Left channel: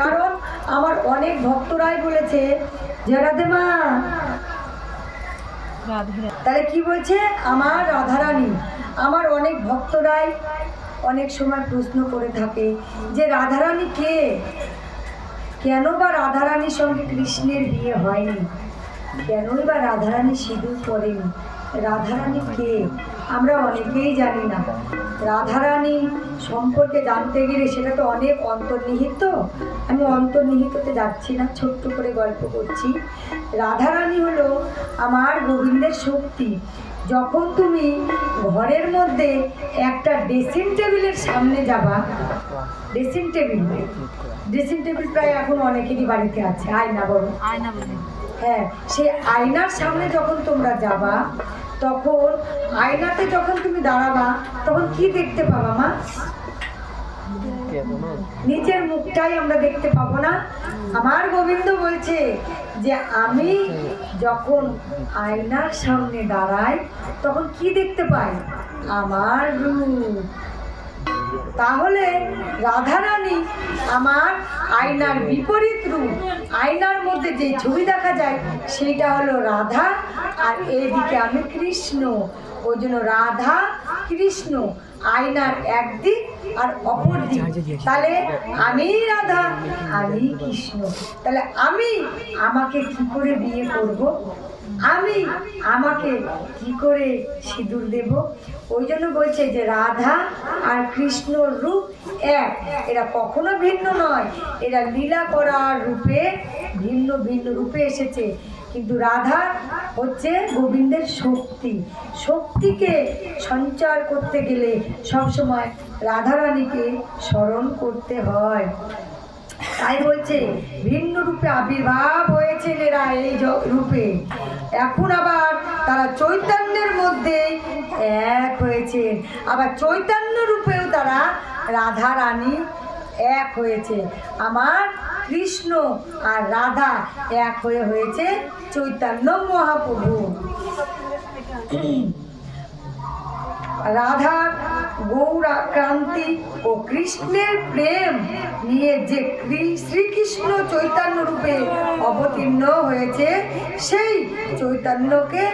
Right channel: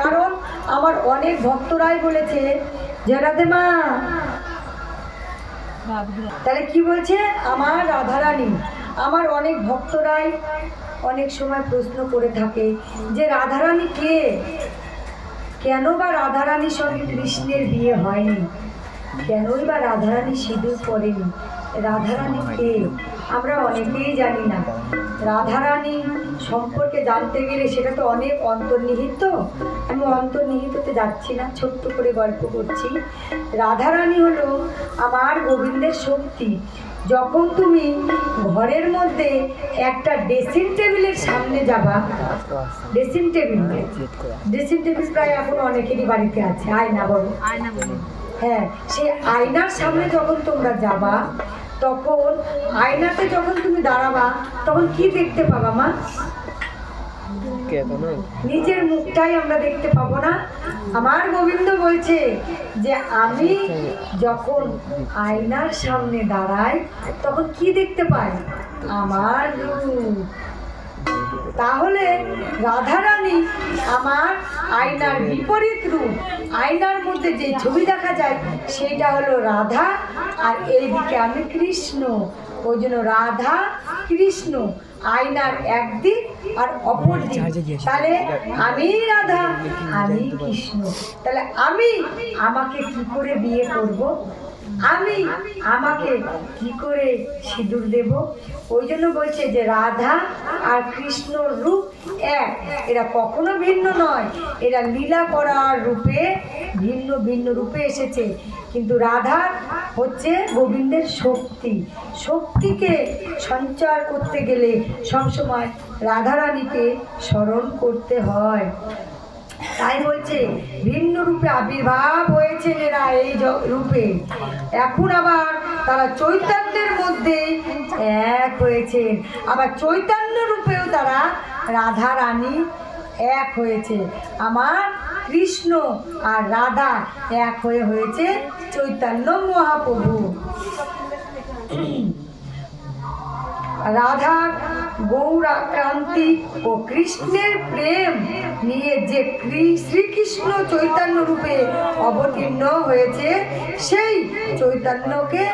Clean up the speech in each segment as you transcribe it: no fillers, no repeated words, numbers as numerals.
কারণ আমার অনেক ভক্তরাই বলেছে যে রাধে মা, তাহলে কি বলছে আমার রাধারানী। আমার অনেক ভক্তরাই অনেক সময় প্রশ্ন করে থাকে যে রাধারানী কে, কেন বা রাধারানীর সঙ্গে কৃষ্ণের বিয়ে হয়নি, কেনই বা রাধারানী সিঁদুর পরেনি, রাধারানী কে? আমরা অনেকেই জানি না। রাধারানী সম্পর্কে জানতে গেলে সেটা তো অনেক অন্তর্নিহিত। আমি অন্তর্নিহিততে যাচ্ছি না, ছোট্ট করে গল্প করছি। রাধারানী হলো আমার গোবিন্দের শক্তি। যখন তুমি ঘরের মধ্যে একটা ড্রেসিং টেবিলের সামনে যাবা, ড্রেসিং টেবিল প্রায় এখন অনেকেরই বাড়িতে আছে, আয়না বলো, হ্যাঁ, সেই আয়নার সামনে যখন তোমরা যাবা, তখন আয়নাতে যখন তুমি দাঁড়াবা, তখন কি দেখতে পাবা মা? নিজের মুখটাই আমরা দেখতে পাবো না। আমার গোবিন্দ বলছে যে আমি যখন আয়নার সামনে দাঁড়াই তখন কি দেখতে পাই? আমার রূপ। তাহলে রাধারানী আমার আয়নার বিপরীত রূপ। আয়নার মধ্যে যে ছবি দেখা যায় সেইটা হলো রাধা, আর এইদিকে আমি কৃষ্ণ। ওই জন্য রাধা কৃষ্ণ আয়নার একদিক আর অপর দিক। তাহলে আমি রাধা, আমি কৃষ্ণ। তাহলে আমি আমাকে কি করে বিয়ে করব? আমি আমাকে কি করে সিঁদুর দেব? ওই জন্য বলছে যে রাধা আর কৃষ্ণর রূপ এক, এরা কখনো ভিন্ন নয়। এরা লীলা করার রূপে ভিন্ন ভিন্ন রূপে এসেছে, কিন্তু রাধা হচ্ছে গোবিন্দের শক্তি। শক্তিকে সঞ্চার করতে গেলে সবসময় রাধারানীকে স্মরণ করতে হয়। তাই বলছে ভিন্ন রূপে আবির্ভাব হয়েছে এরা এই রূপে। এখন আবার তারা চৈতন্যের মধ্যে এক হয়েছেন, আবার চৈতন্য রূপেও তারা রাধা রানী এক হয়েছে। আমার কৃষ্ণ আর রাধা এক হয়েছে চৈতন্য মহাপ্রভু। রাধার গৌরাক্রান্তি ও কৃষ্ণের প্রেম নিয়ে যে শ্রীকৃষ্ণ চৈতন্য রূপে অবতীর্ণ হয়েছে, সেই চৈতন্যকে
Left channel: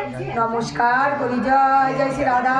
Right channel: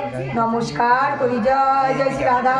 নমস্কার করি। জয় জয় শ্রী রাধা।